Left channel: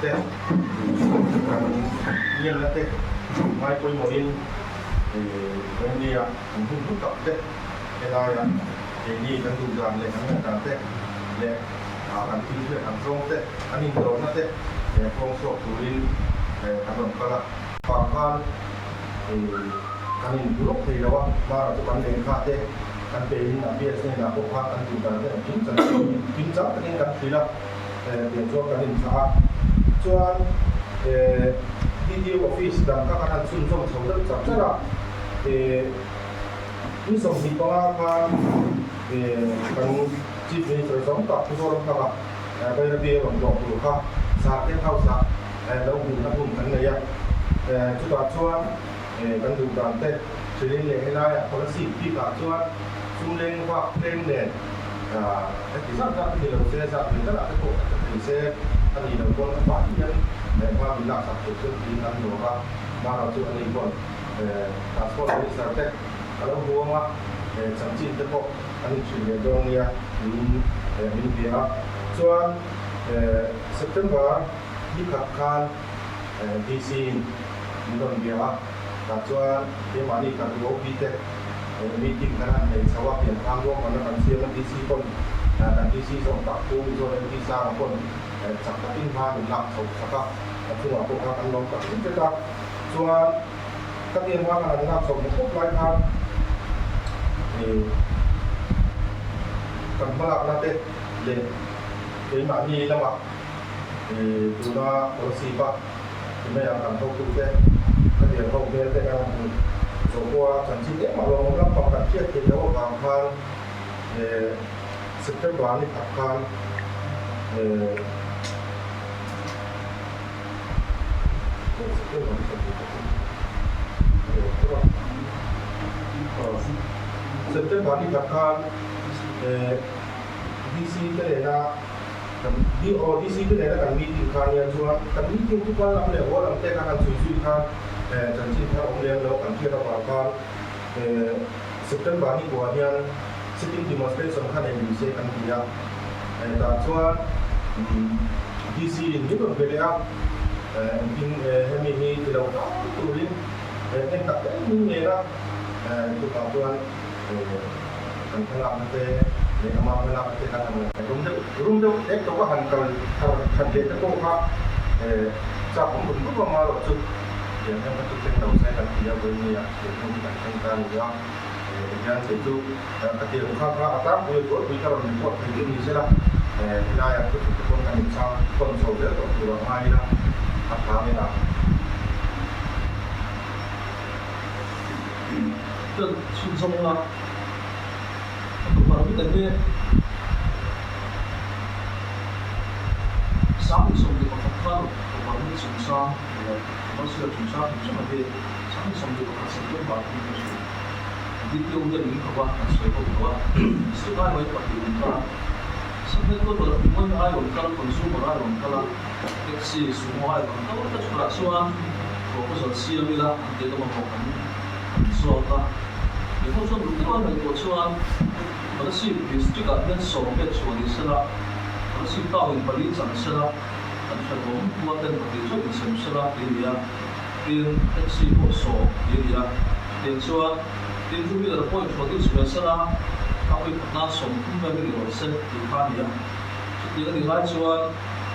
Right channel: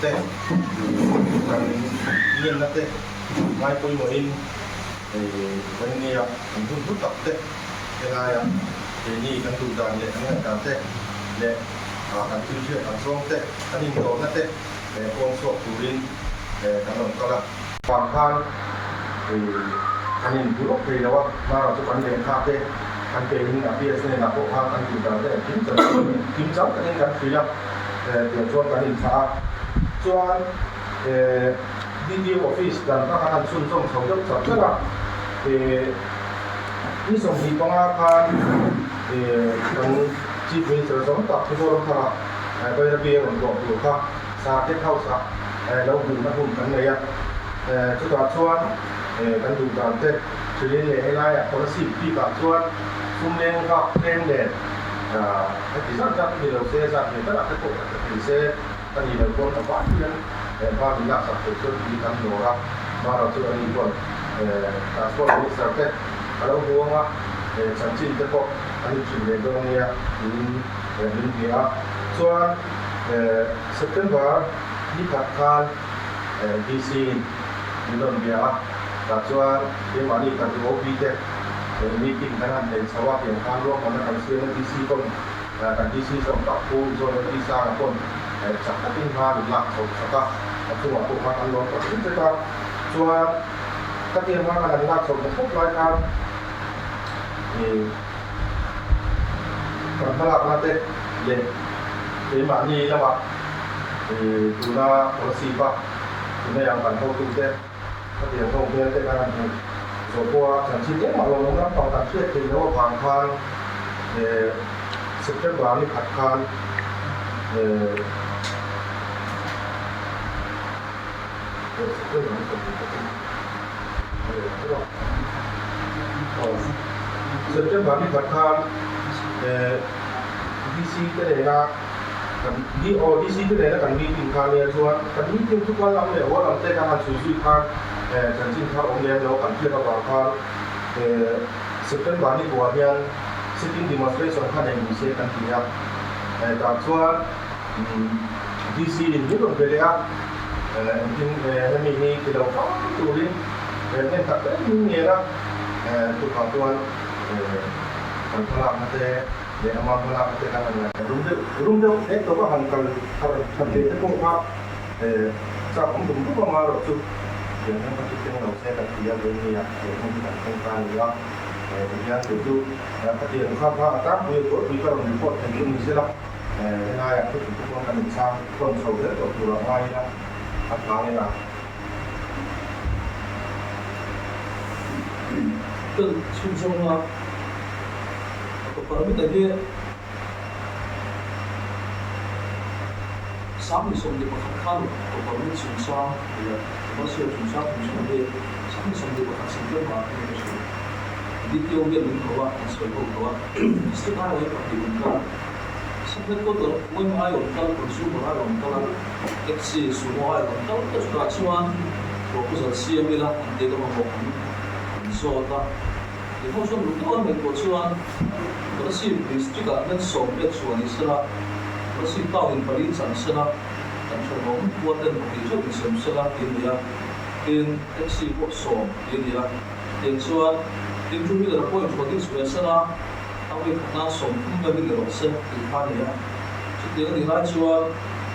te kan yin na te mai poi mo in ban ni ya kan hu tak te la ya ni kan du dan le kan kan te le kan tu je kan song te kan in do na te kong so turin kan ron kala pan kan kan in bu ke la wa ma ra tu kan le kha te kan pe in a bs ne na ko kha kan du dan te kim chang kan in kan fi la tiền chuan kan in kha chuan DDO office dan ka kan sun song chho deuh chap chala ni som hi panga kan kan chief minister som tak thu ro kha bai ra bia ron ko kha sa te khau sa lo bu ma hum kan ne ya chu ta chuan kan du dan te chilin le helai a policy pi ka chuan sum leng ka tren le thì rất là nhiều đầu xe ra thì tất cả các cổ thì xe ta nhìn đầu con nó bán nhân để qua mình làm sản xuất đi ăn đồ ra mà nó chưa đi còn là số lượng sản xuất ở đâu mua mà sản xuất cái bộ anh chuyển về đâu nha mình bia cho September đi các khăn DC mình đồng bia là cho cái mà đi các bộ đi thế meeting dengan sawah yang kalau mana kami siapa DC pun dan DC sama pun zona bisa pun cakap tinggal lak sama aku aku akan nonton itu kita cuma tapi yang mana lak sama pun lain kalau nanti jadi mana ni lah guna polisi pak guna yang kan kau tu deh tapi yang kau punya deh kan so qua chẳng chỉ biết mà lòng nó còn đặt chuyện thì nó hoàn toàn September này khát khan September này khát khan DC cái này là DC cái này là cần meeting khan này cho cần meetingทุกวันเราเนี่ยว่าเราจะทำสุดๆkhan chẳng chỉ theo ông em đó cần thiết là bà con September này của anh sitting demonstration khá là nhiều sẽ cần thiết đặc cho DC những đồng về đấy nhưng em mình thì đâu có tụi đi nên tập đấy những nghề đó tụi con tuan còn không làm thế để mà không làm thế là đúng đâu đấy tôi có hành cần thành kiến cái công pháp sao cũng đúng lúc mà rồi chứ yang betul yang tahu saya kan dia begini ya, yang kita tentang ya, kemudian itu ketika apa atap we kalau buat yang ini saja, nah yang itu pun kan insang kontrol dia atau kurang lain lah, apa ni lah. Dan susahlah, aku baru tadi sáng sông đi vào khắp khăn, còn vào những sông sang thì có sự sông sang thì chúng ta về sáng sông đi vào khắp sông trên bờ thì đi tiêu việc những khẩu ạ, sợi khẩu khẩu ạ, suốt hai ngày tập thì cũng cả, sắp hết có tuần mỗi ngày còn cả còn số một ngày còn cả, cái gì số một ngày còn cả tất cả các số ăn, có cái giờ xí em đi là anh để tao học anh số ta, thì không số lúc đó mình có số ăn, có cái gì mình chỉ cần nên số biết số này sẽ làเราสิ่งต่ออินผลิตสังเสนาอันฉลองตัวเต็มผลิตชุดเสมสละอินเดียอินเอ็กซี่พวกโซอินเดียเดียนส่วนอินทุมีแต่ละพวกอินผลิตสเปซนะทำให้พัฒนาสมทุนไม่เป็นรถเซ็ตอีกขั้นเดียวจุดเดียวกันที่ไรส่วน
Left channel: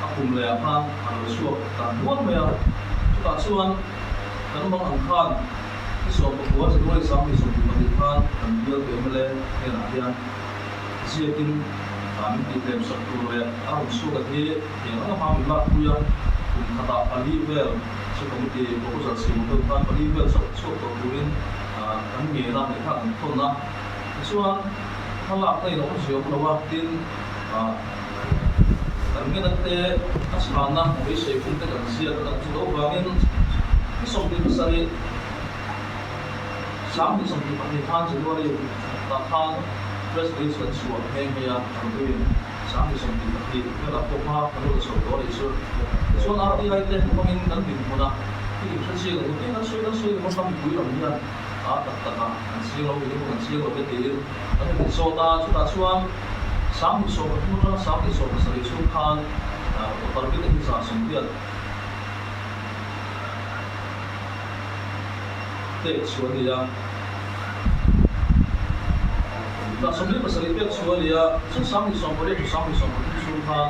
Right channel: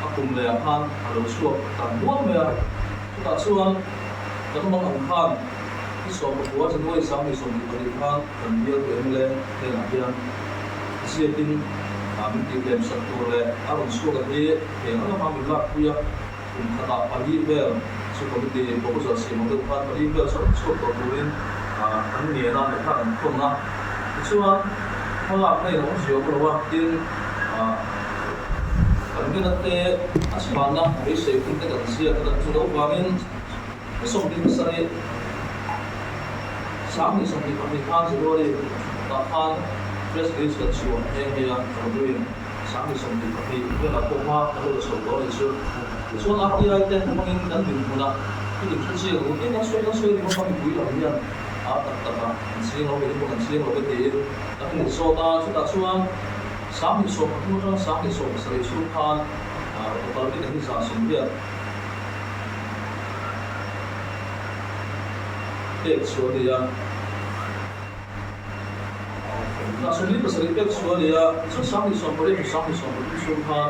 อาคุมเลียพันอารุส่วนต่างล้วนไม่อะจุดตัดส่วนการบางอันขั้นที่ส่วนประกอบจะด้วยสามีสมผลิตพันกันเดียวเกี่ยวกับเรื่องเรื่องอะไรเสียดินmình đi làm sản xuất về ở một số cái thì hiện ở mà mình làm bây giờ cũng khá là bali về số công ty có rất là nhiều một phần bali về số tổ chức anh nghề làm để khác không na số họ làm này nó cũng nhiều một loại tin cái này thì anh sẽ làm na một số công ty đặc biệt là chúng tôi vào những cái sản phẩm sari sáng thì sản phẩm thì than chỉ có đi than fresh base kan suwa heng ya kanduin sami som di pati vela poma kalo so do le so na ti ai te mangin dan bin muna ni thasi lo ni na soi mo kam bui lo ni a ta si lo ni mo kan si lo be te an so ta chu ta chuan sami so pa tu na sami so sa le chu khan parmi cái hình dạng sông biển để xuống đi na sông biển pasal itu xuống đi chút sáng đi sông biển sông ha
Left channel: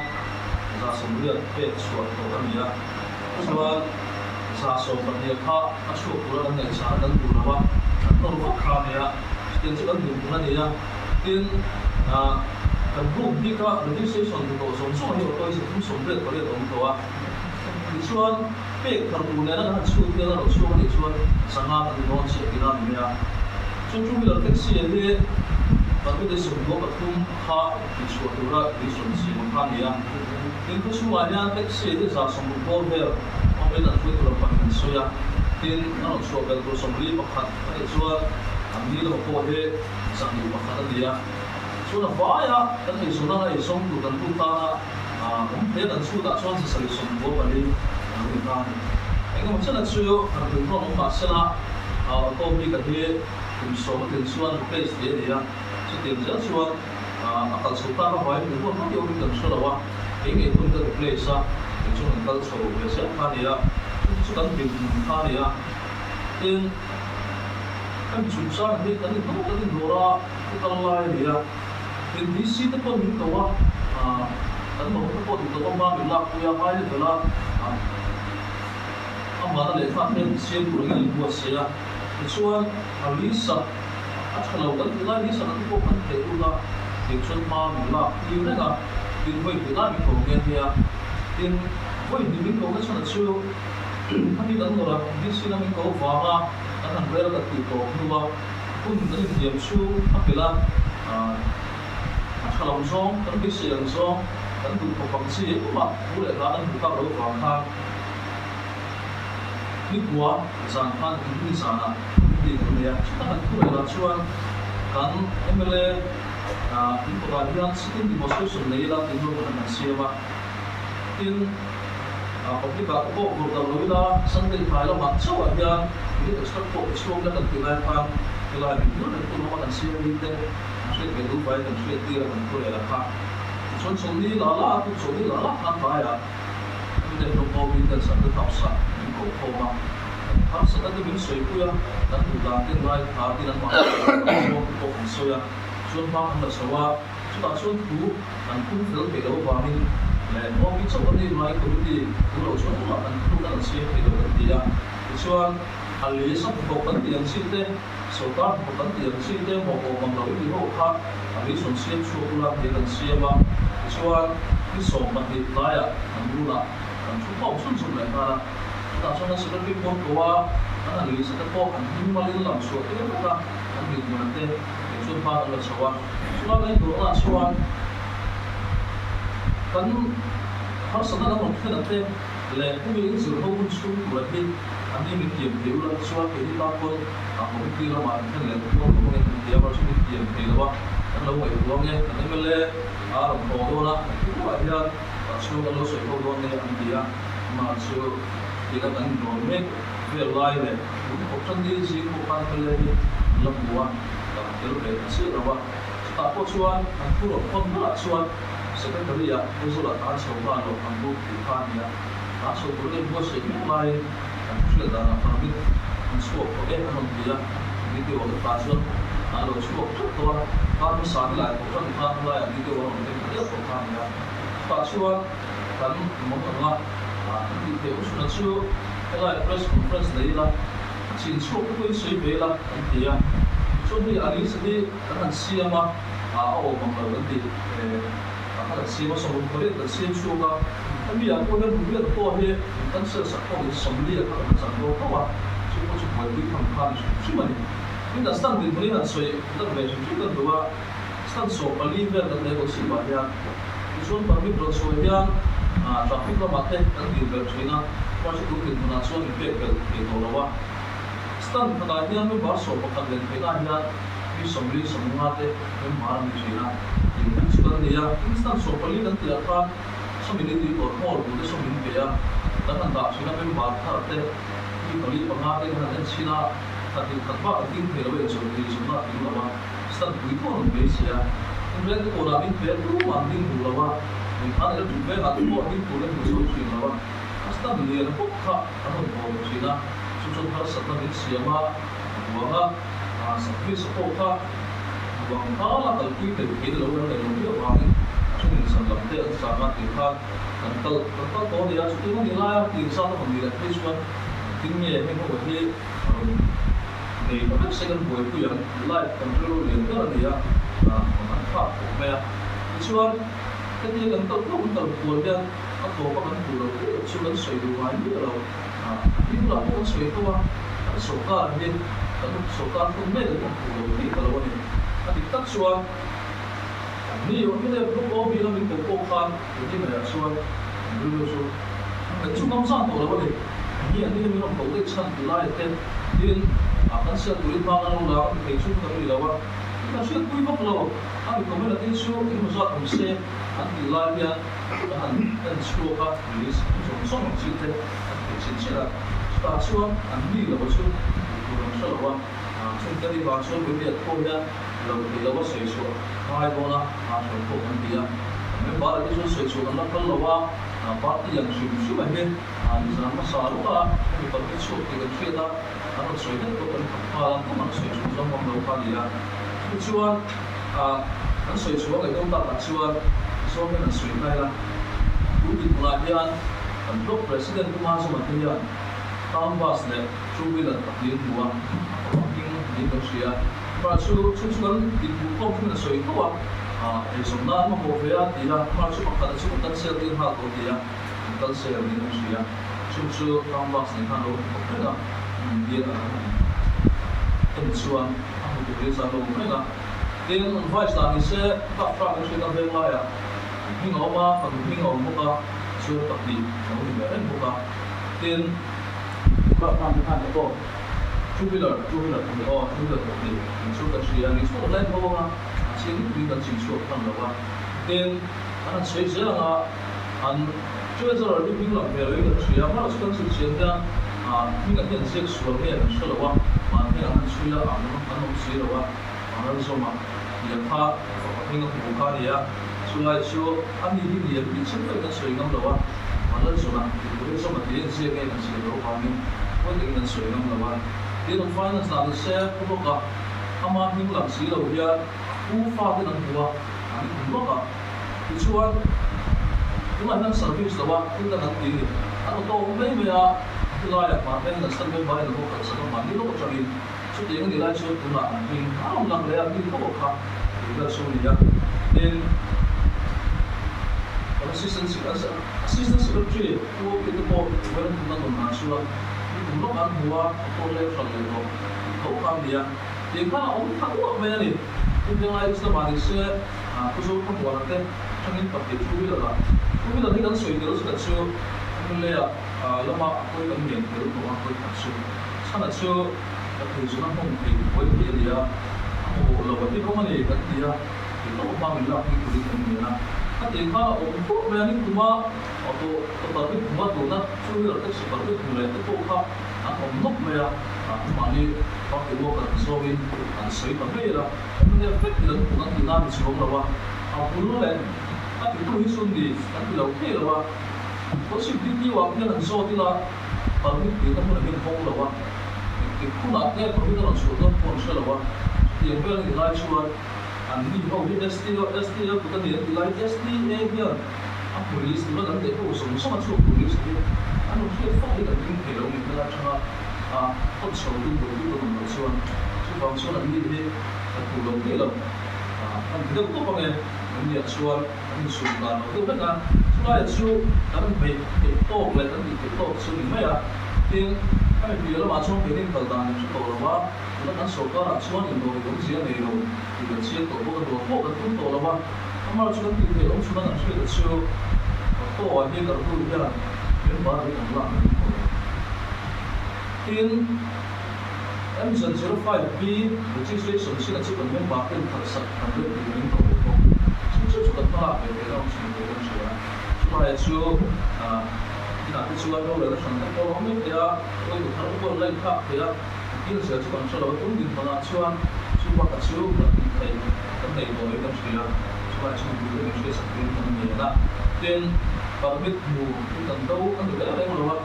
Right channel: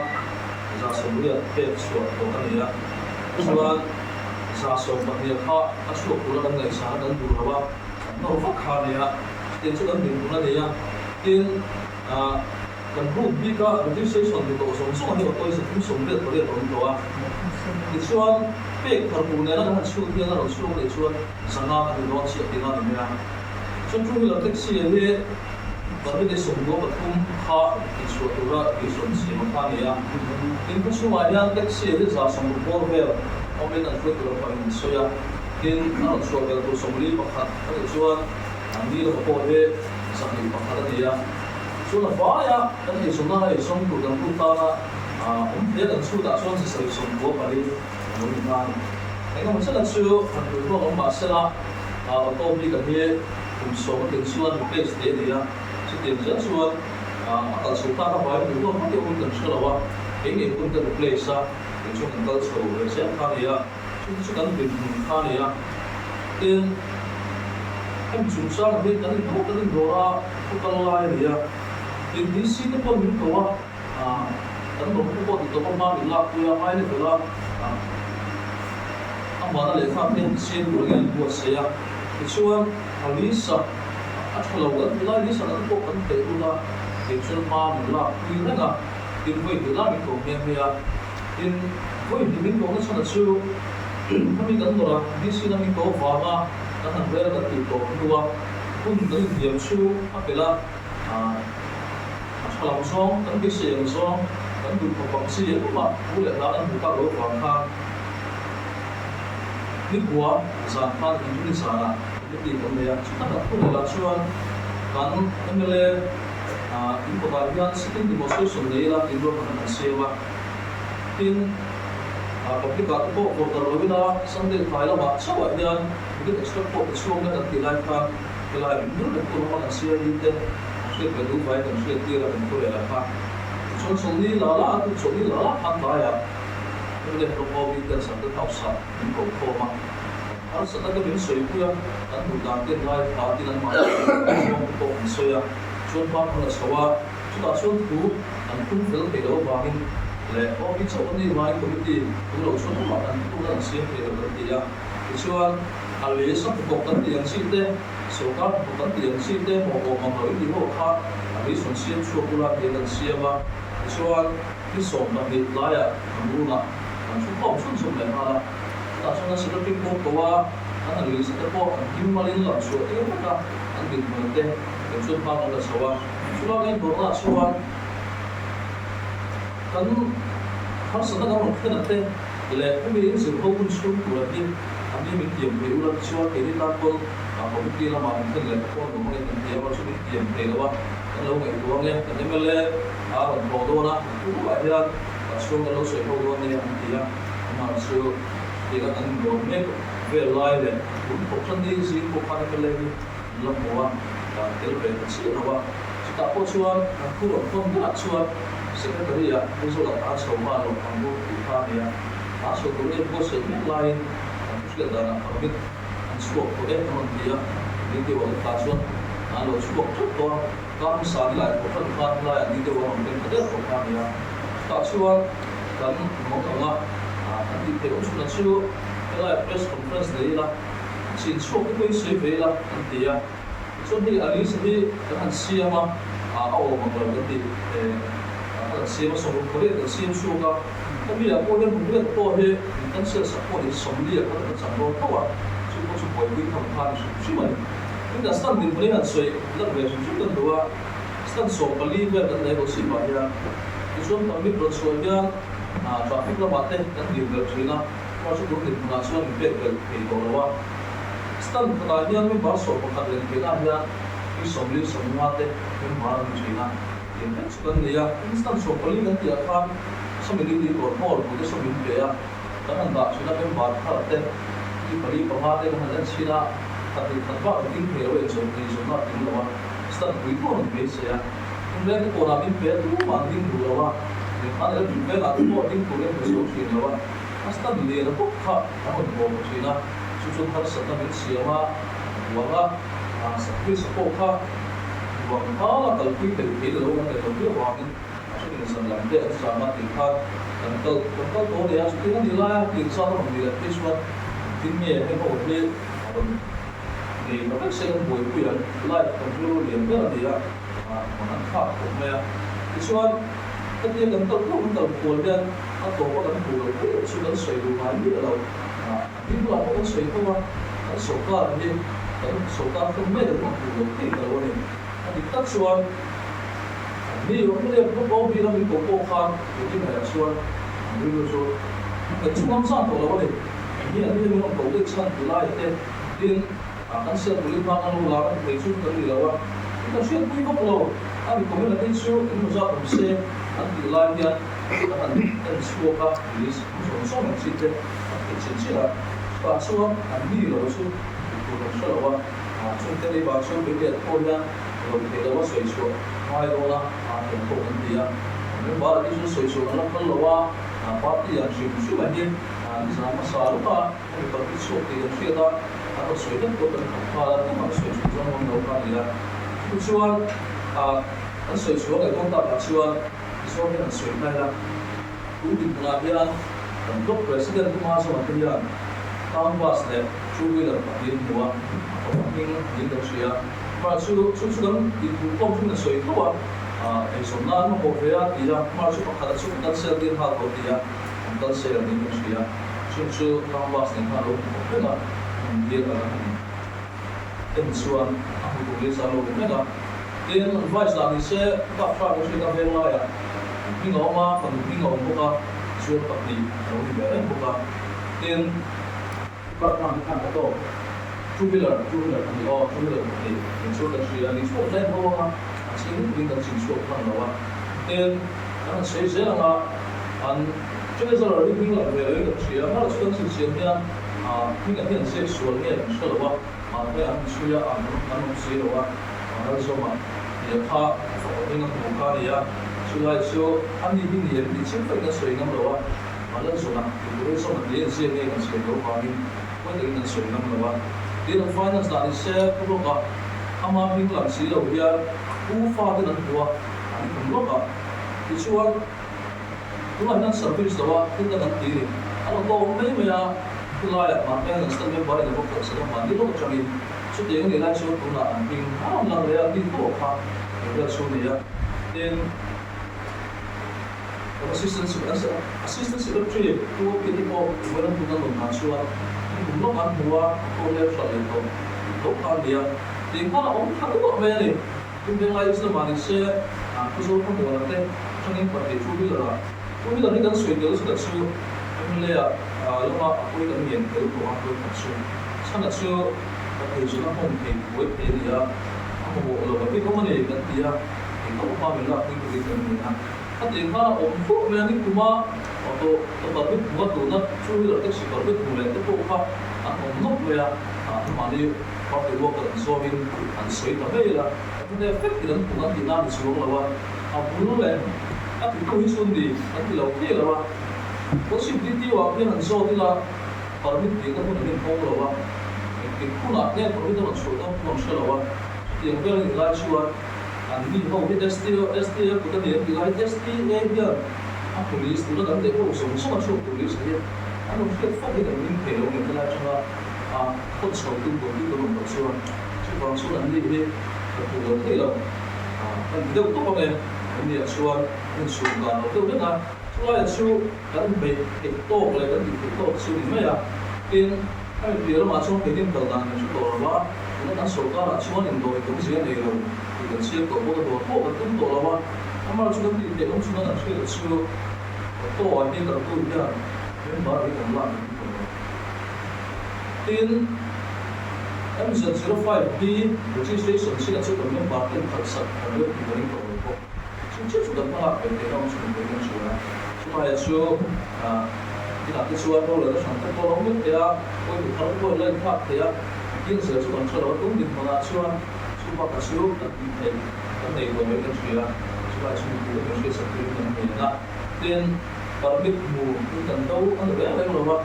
ra sông biển để xuống tổ anh đi xuống ra sông biển ha ở chỗ của anh này sáng đang du rồi nó phát khá đi tiền chỗ anh mình cũng đi tiền dan home hi ka registration ni to song song hi otoi se thum song le to le tong to a ni chuan pe thar tu ne na han chu ti na ro chu le chuan sanga ka ni non che ti na ni a chuan chu hi taxi he ba mi de song go pathum kha ti chu tu ra ti song si ma kha ni a tin ko chu wa yan taxi he za song go he o me na chu tu ra pa ni so ya tin na ro chu ka tu song li pa kha ka ti chuan an ni lo ko he sang ni pa kha ni a chuan a vaya kan hei sawmna lai sawm tur kan lut tana he kan chhutah chuan chi sari sawm bua pali lo in tan engemaw chana chu kan hlui rawng awm mahse la auto hi kan hi kum sawm atin chuan replace te ni a chutiang chiang chuan a kal chho ta ka vai mi rawng hi awm kan chho lo a enge tun kan replace a tin chu kan kal chho ve se kha ni a chu kan bin kha ni a tin em chung sang hi kan ni kan ni dora ku kal lai ni a in this seat po min ko wa an mo ko to ko ma mi la ku ya mai le la amma le fa ten sim ro gi bu se ya chuan alisa a thalo kan la ni sa ko kan te u la ke chuan ma mi la ki ne ga tin voi ti la mi ko nge ya tin voi ni min ko ga chana chu kami kan lo ra ni si na mi ko wa ma kan han re ra ti to nu wa pun ni diam chu a pela Kalau song, kan bisa yang song, kan butuh fungsi itu mah, boleh kan buka lo bangkang. Ni gua, zangan ini sana, ini kan dia. Kita kan tu lelah cuan, kan emele, ini perhatian sekian di masa sungai lah, tidur pada nasiwa. Tin, tapi kalau kalau kita sendiri kalau macam aja, ini ekstra pot suam kan tilai kan, tilai itu kan tu pada nasiwa itu. Cái đủ phải cần chuyện kia là mình có thể là khác son sống đi là cũng sống đi là khác phải à nhưng để nó có bị đơn sản được học sản những cầu khô mà hắn sẽ cái biến suy quy á hắn đủ làm tiền lai thà tiền ăn mặc không có hành suy á xuân phát hắn là xấu á chúng ta xuân thú hắn cũng phải cái đâu và mình lẽ có biết chỗ đi mai có biết gì cũng đầu xuân mà hắn cũng đang xem cái đầu cái gì á xuân hắn lấy sắp có cái tiền xin thế số các một tấn tiền xin thế một bộ bằng lối đi hộ khác lý xuân xiêm chua cua làm tiền xiêm mà chuan cái sổ đặc biệt lại à làm luôn à làm chút không xuân xuân lại mà ta cho nó sẽ có cái công cụ à anh lý sẽ có anh hiếm mà lên làm chuột cái đó cả anh biết mà thế cái chuột pha là xấu à chuột cái đó là chuột kan har sana na nong khana te le kumi in zul ho kun chung tu la hin an ni mi kiam pe ulan chuan ke hi ta kon a ko ti la ma khan le ko ko nge kan ti ma chu mi kiam pe lo wa kan lo ngai lo nge kan ni le a ram ko do na ku wa ya pa chu kan lo soi ko do ne an ti ya ma chu ti ka kan do me ve lai le ku ko chan di ji ko kan ka le lam mo wa ka tel pe si ro wa ta ko chuan an ku ro kon na chuan secretary ya eso la ta so ma lo ang bu ti kha ni ya ta so ko le bo se mi lai an chu da na pa mi an chu ko e an ti ya ni ti wa ta so an lo chu ko to ka mu sa lai ko tan ka lai ni ti wa mi te ko kha ni ya ta chuan kan mo ka nga an ti te u chu na chu lai press conference nei la chin chu ko ko se ve la an ti ya so ni ali se ni kan sia ma a o ma ba ti là xem xong rồi có thể xem show cả, tapi bây giờ cô lên cũng biết tôi thì đang sợ sợ cô thì sống đi các bạn chẳng có đâu à, chứ có chụp quay phim không khai chứ mà nhưng đã stand đi mới là soi đang về chúng tôi đâu à stand số Bali về đang lấy đồ xịn vào nhà, thì chúng ta biết rồi soi nhà, traffic là mặt đấy đang đi về soi na, qua chỗ đúng thì mình làm soi mình về cái đồ đâu à, stand cái này nhà mình bảo số một cái lên cái này nhà, cái sống đi sống ngắt đấy mình bảo là mình soi na. Yung sukan niya, instant so pali kan tiya kan sa miniti or hall bude so min pe ya tan da sina ben bar thar te ki pali panga te kan han sina thati thawa ting the lo so ni so na ting lo wa stand bui ko no be se ya in red ko na min pe tu ma ding du lo wa thì khá là đúng với là tôi có những phụ nữ một số chuyện là asta mình là bốc khá anh một bộ chuyện là chúng tôi phải sát mình xem mà vâng sát với số bốc khá vâng khá là cần quy định cái đó là cái đồng ý hoàng cho nên sản phẩm để anh sản xuất thì khá cần có để anh chúng ta đi lại thì sao nó không đi lại cái số kinh nghiệm hay có cái thì nó phát sinh buổi quyền lại cầm theo liền cái là gì ạ còn nó khác của mẹ cái số cái tiền gần tàu không tàu buồn đen anh tổ có cần buồn cái số lớn sợi đủ hai biết là đi là có sợi không à cái số cả thì cái số cả không mấy được một buồn cái là luôn thì thì tất sốนี่วันนี้พวกเราพี่เราเป็นโกโก้ข้างที่ไหนชวนดูชวนแต่ช่วงน้ำสั่งตัวเราเนี่ยนี่อันนี้มีน้องโกเด็กชั้นตุลาเต็มดินกันเสียตุลิบางเราแล้วเด็กช่วยกันนี่แล้วว่าที่ช่วยคุยกับเราอันนี้ก็ไม่ได้ช่วยที่มันจะทำเสียอันที่ไล่เนี่ยอันช่วยกับลิสส่งชิ้นเดียวเป็นชิ้นเดียวแต่ช่วยอันนี้เราช่วยตัวเราช่วยว่าช่วงที่บางช่วงเป็นเด็กคนเนี่ยเราเห็นเราว่าช่วยช่วยhai đô la phần cổ phần tiền mấy bà là cái số sợi số nó phân là bà thì yang sợi số mà đi như là mà sao lúc mình còn cái số thì cái kia ta nó sợi đất có phần cũng mà sợi số trong vòng đầu cái gì là cái số nó sợi số cái công tác là số cái là sợi này là cũng định là thế anh tầm cấp president cũng mang số mà thế anh town bus này chú ý là tập đi mua những cái gì mà chú cần đi mua công ty là sợi đó thì số nào mà mua về thì là mà chú bắt đầu chú cần xe tiền hàng của thì là cần xe là những cái gì chú town bus này hàng luôn cái là tiền là cái số anh cũng biết sao luôn cái là tiền vay là mình sẽ gặp phải cái chuyện về lại mình ngó mà phần mình ngó một cái chú tập đi nó đi về một cái tiền bạn làm cái hàng đó two-wheeler thì mình số cái gì mình số lên thôi mà chính mình cần chỉnh số phần đó nên anh xây dựng là anh chơi giờ là mình làm về cái gì mà số cái gì đó mình cần hiện sẽ số cái mình số là mà cái anh suy ra anh không suy là anh số mà giờ pha mình không có cái gì số lại số anh đi đi thì chính cái suy ngâm đó mà lên số là cái số mà tiền sẽ cái suy đó mình quyết định cái suy ngâm đó tiền finance là đi xe cũng có ama mình làm gì đâu ya u pha cái năng của anh cũng có thì chuan chúng ta đang service đó chúng ta đang đi anh ô tô mấy mấy cái loại mà cái năng sản phẩm bài là có cơ sở mà đi lúc cho mình chút tiền cái lại chút cũng là mình không làm được đi đâu cả cái đó số này nên assistance secretary của cái bộ với nó cũng đang làm hàng chuan cũng lúc anh mua tôi lấy sản lượng đó lúc anh đi thì khá là ông thằng đó về này nhưng tương lai sẽ mà đi xe cái số không mua được thế trong những vật thể chú ý là cái cần suy nghĩ rất là sâu nhưng lấy lúc mà tôi cần nghiên cứu của anh tôi thật sự rất là sâu và thì số nó không thì với cái gì anh mua là vật thể không có gì cần gì thì nó cũng bao nhiêu là cái gì cần gì cái tiền khá là ông thuốc về những cái mà tôi cái mà tụi nó chú ý là cái sự bảo vệ tụi này cái bộ khác ông nộp về mà đi có cái bộ cái số viên anh sấy tầm đây là vấn đề phết thì cũng đang thì làm xuống là ba bulu lên cái tôi xuống đi cái lâu thế là ba có sự đi tiêu cái anh số thì là bảo vệ tiền cái mình không là ba cái khu nào cái bảo vệ nó số đó không sẽ là ba tiền về là lại xuống anh đi không biết ST cũng có điện thì lại ST này police itu kan dia pun semua masuk police dia, anu dia fok dia kan ini kalau ni kalau cuma kot satu bagi belum bersuara, cuma suara ni dia terpulang dia lah, kan kita tu apa ni suara ni suara tu kan, suara itu kan baik itu boleh kan itu suara ni mana, yang kami dia lah macam kita kalau ni suara apa, kita kan suara suara yang doi itu sih ni loh, kita sih kalau kita tu tu apa. Amma chúng ta tìm hiểu chúng ta làm chuyện được chưa tôi như cả tôi như là những bà đi làm lặng tin Amazon 05B registration sẽ là số lượng những bà tên thật sự thành lập thì những tổ chức chính chức số lượng mà để làm sự kiện của chúng ta chúng ta chưa thì là cái số đâu là sản phẩm có lắm biết ya tôi được tháo qua lên khác thì ya kiến sự số lượng số lượng cũng định mà là chưa chúng ta cả số là thầy cái này rồi mấy cái gì là và chúng tôi sẽ thực hiện những việc đó then permit mu kan tau an le le lo wa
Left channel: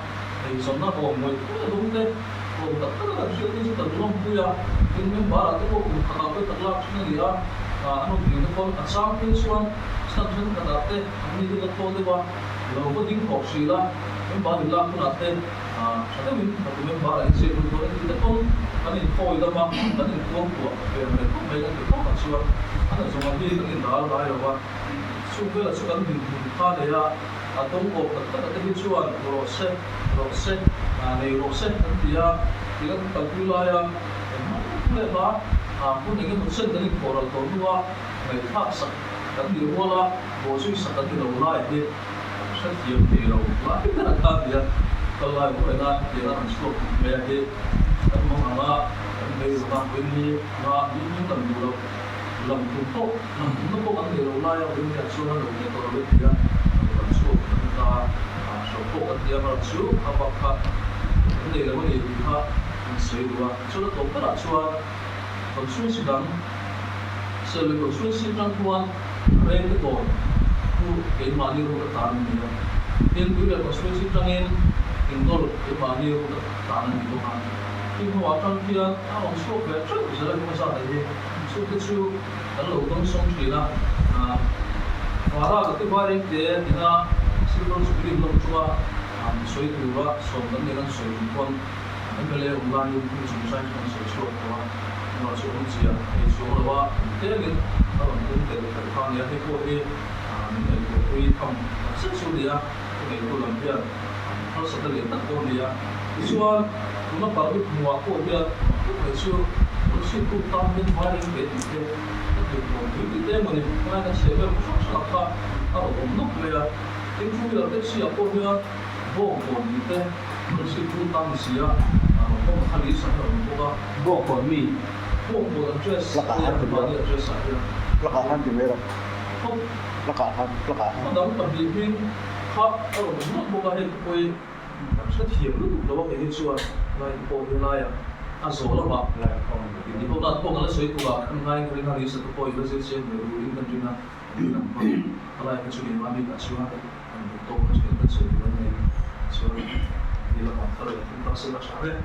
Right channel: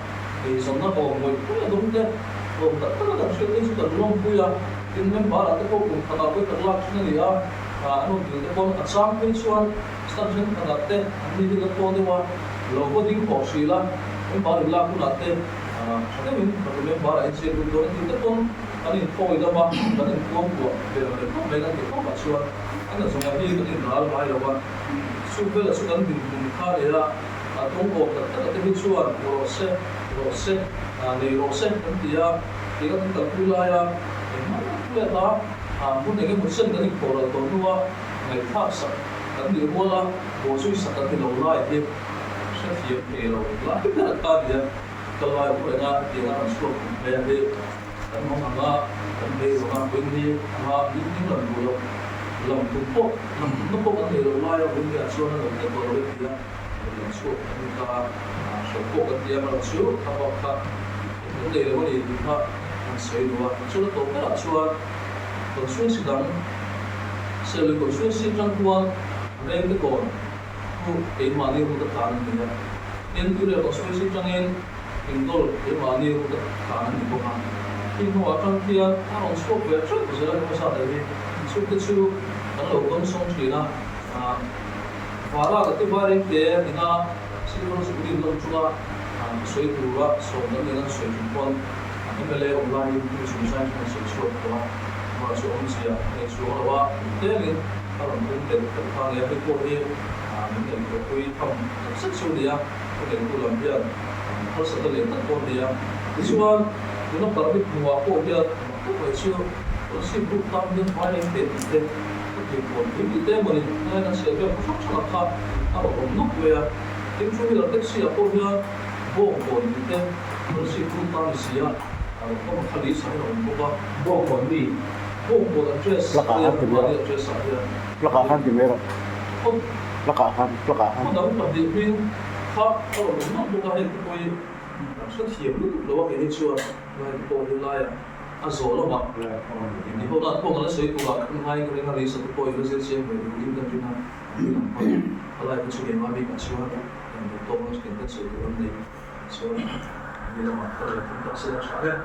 e so na ko mo ko ya dum te ko ta ta da shi ni ta lom pu ya tin men ba ta ko ku khata ko ta lak na ni a anu bi ta ko asam pe chuan subscription ka da te ni ni ko de wa lo ko ding ko shi la men ba ni la ku na te sa min ba men ba ai se du do ni ta ko ani ko i da ba ta ni ko ko pe ma ni ko me ga ni ko ka chuan an so ma hi ta ni dal ba lo wa su pe la su kan bin dum kha le ya atong ko ta ta hi chuan ro se nei ro se kan ti ya ti kan ta ku la ya ma le ba mun ne ke mun sen ni ko ra to nuwa mai thak sak kan ni ho la bo chui sak kan ni lo la ti sa thiam ti lo la ti ta ta dia ka la ko na ti na ansko me ya he kan mo anga kan me ro na ko ni ma ni lam lo lam tu po lam no po kan ni lo la ya ko ni a so na lo ni ko lo ti ya lam so ta so po kan ti ya ma chu ka ba ka ni lo ni ti ha soi do so na to ka chuan còn xuyên sự đắng sẽ là còn xuyên sinh trăng quan rèn cái còn khu cái mà nhiều của tất cả những người nên cứ là còn xuyên sinh trăng em hình đôi cái mà nhiều của tất cả những người khác khi mà trong khi ta làm số về rất là sẽ là không sao đấy số cái số đánh lầu đông sông thủy là và ra cái bài rèn thế thì na sẽ còn số điểm đông chúa suy tu ra số đánh nên suy quan anh phải lấy online những chúng sai trong sự số đó mà số ông chị à, số là ba, thế nên các bạn cũng để được thang nhà cái cô đi, những người có quy thông rất số đi à, cái người cô làm việc, họ sẽ tự liền tất con đi à, cái số chúng nó bảo biết mua cô đi à, cũng phải số, nó sẽ cũng tam đến hai đến tiền thế, thì còn cái thế mà này nó sẽ về một số là khác, các bạn cũng núp về à, cái số là cái gì à cô đi à, vô còn cái thế, nó sẽ cũng tam gì à, có một khai lý sản phẩm của ta, vô còn gì Lakahan tu dia. Lakahan tu dia. Lakahan. Không đóng tập điện viên khác, kalau nó bukan hết cái rất hiểm lúc đó cái hết chưa, lại bộ như lai à rồi là bạn, thì hôm nay phong là sấy tu à, không hay cái này là sẽ tu coi nó sẽ xem về cái in trong chuyện này, làm phong, lại cái chuyện mà mình cả chưa, làm tốt nó sẽ cái sấy tu này, chưa, thì là mà kalau chúng ta sẽ là sao đấy.